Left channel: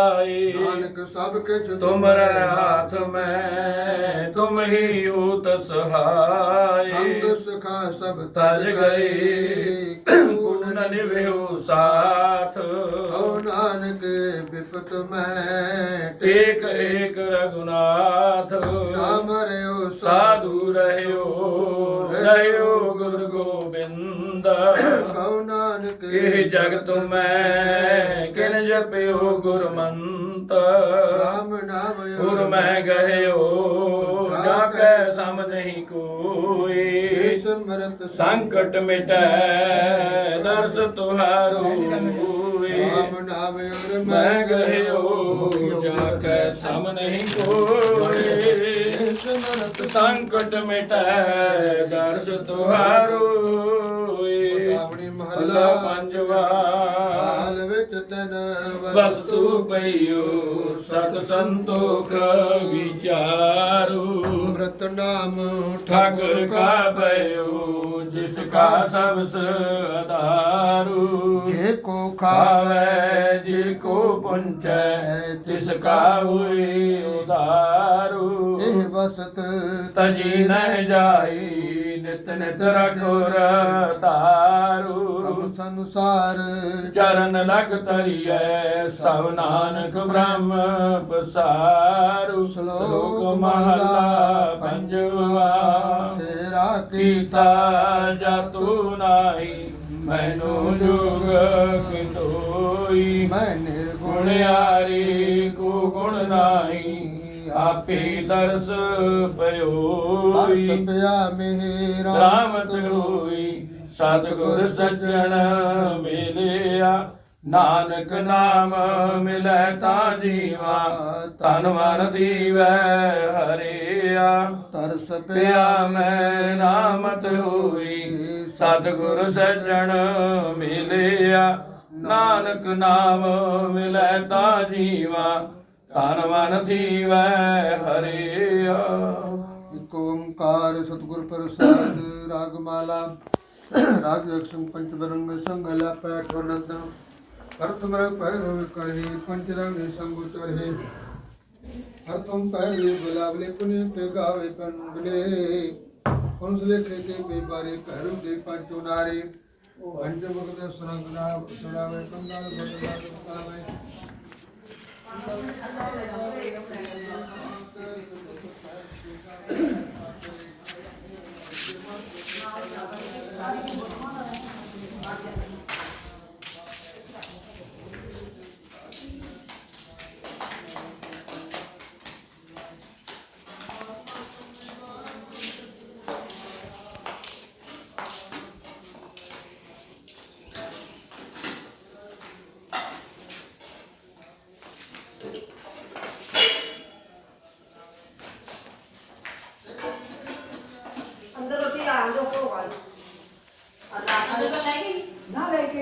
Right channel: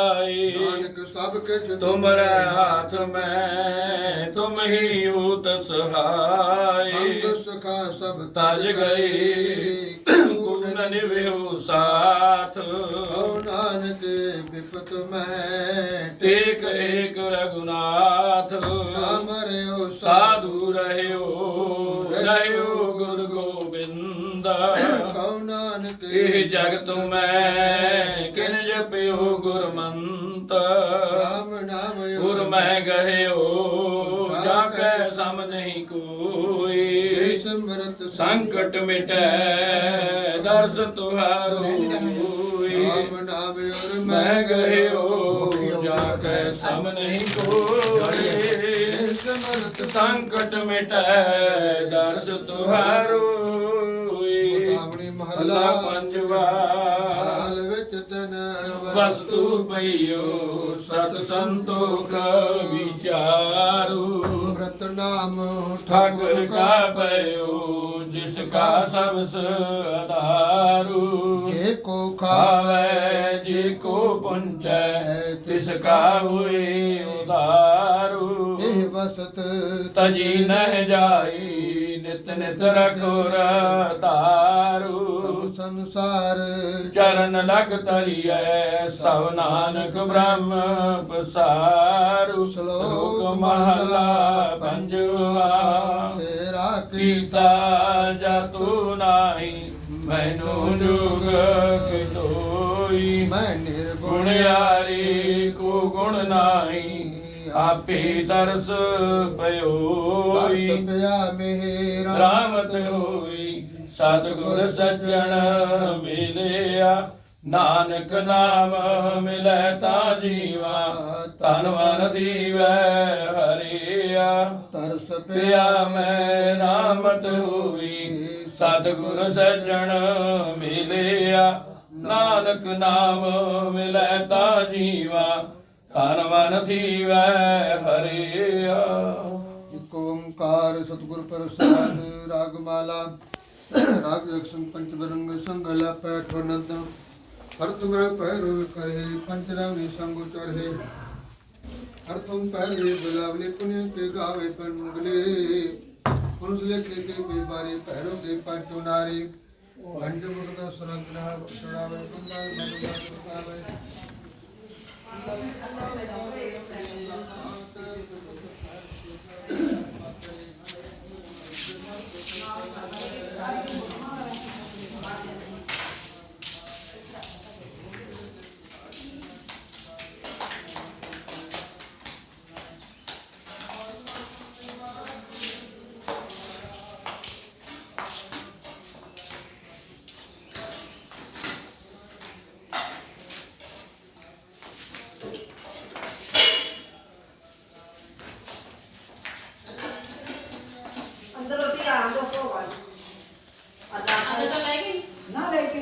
ਆਏ ਨਾਨਕ ਸਭ ਕਿਛ ਤੁਮਰੇ ਹਾਥ ਮੈਂ ਤੁਮ ਹੀ ਊਤ ਸਹਾਏ। ਸੰਗ ਸਖਾ ਸਭ ਤਜ ਗਏ ਗੁਣ ਨਿਭਿਓ ਸਾਥ। ਹਉ ਨਾਨਕ ਬਿਪਤ ਮੈਂ ਏਕ ਏਕ ਰਗੁਨਾਥ ਨਾਮ ਰਿਓ ਸਾਧੂ ਰਹਿਓ ਰਹਿਓ ਗੁਰ ਗੋਬਿੰਦ। ਕਉ ਨਾਨਕ ਇਹ ਜਗ ਤੁਮੈ ਕਿਨ ਜਪਿਓ ਗੁਰਮੰਤ। ਰਾਮ ਨਾਮ ਗੁਰ ਮੈਂ ਗਹਿਓ ਜਾ ਕੈ ਸਮ ਨਹੀਂ ਕੋਈ। ਸਿਮਰਤ ਸੰਕਟ ਮਿਟੈ ਦਰਸ ਤੁਹਾਰੋ ਰਾਮ ਨਾਮ ਉਰ ਮੈਂ ਗਹਿਓ ਜਾ ਕੈ ਸਮ ਨਹੀਂ ਕੋਈ। ਸਿਮਰਤ ਸੰਕਟ ਮਿਟੈ ਦਰਸ ਤੁਹਾਰੋ ਮਹਲਾ ਪੰਜਵਾ ਹਾਲ ਵਿੱਚ ਤਨ ਵਸਤੂ ਪਈਓ ਸਤ ਸੰਤੋਖ ਵਿਚਾਰੂ। ਅੰਮ੍ਰਿਤ ਨਾਮ ਠਾਕੁਰ ਕਾ ਪਇਓ ਜਿਸ ਕਾ ਸਬਸ ਆਧਾਰੂ ਜੇ ਕੋ ਖਾਵੇ ਜੇ ਕੋ ਪੁੰਚੈ ਤਿਸ ਕਾ ਹੋਏ ਉਧਾਰੂ। ਇਹ ਵਸਤ ਤਜੀ ਨਹਿ ਜਾਈ ਨਿਤ ਨਿਤ ਰਖੁਰ ਤਾਰੂ ਸੰਸਾਰ ਚਰਨ ਲਗ ਤਰੀਐ ਸਭ ਨਾਨਕ ਬ੍ਰਹਮ ਪਸਾਰੂ। ਸ਼ਲੋਕ ਮਹਲਾ ਪੰਜਵਾ ਤੇਰਾ ਕੀਤਾ ਜਾਤੂ ਨਾਹੀ ਮੈਨੂੰ ਜੁਗ ਕਿਤੋਈ ਮੈਂ ਨਿਰਗੁਣ ਗੁਣਿਆਰੀ ਕੋ ਗੁਣ ਨਾਹੀ ਆਪੇ ਦਰਸ ਪਇਓਈ ਵਰਤ ਪਿਆ ਮੇਰਾ ਰਾਮਤ ਹੋਈ ਸਤਿਗੁਰ ਸੱਜਣ ਮਿਲਿਆ ਨਾਨਕ ਨਾਮ ਮਿਲੈ ਤਾ ਜੀਵਾ ਤਨ ਮਨ ਦੀਵੈ ਹਰਿਆ। ਤਰਸ ਪਿਆ ਮੈਂ ਰਾਮਤ ਹੋਈ ਸਤਿਗੁਰ ਸੱਜਣ ਮਿਲਿਆ ਨਾਨਕ ਨਾਮ ਮਿਲੈ ਤਾ ਜੀਵਾ ਤਨ ਮਨ ਦੀਵੈ ਹਰਿਆ। ਓੰਕਾਰ ਸਤਿਗੁਰ ਪ੍ਰਸਾਦ ਰਾਗ राजलक्ष्म पंचभरंग संगलाप अठवनंदन भरतमृग पैरो कर हे पंचरंग संगोचर हे हर तुम पैरे गुलाबले पुण्य पे गावे पनगले पुरुष ले कृति बीमारी पैरों के पंचो नारी। पंच मुर्द सुरंगना सुरावे कंगाल बदला सुरावे। ਕੱਲ ਹੋਗਾ ਅੱਲਾ ਨਾ ਲੈ ਕੇ।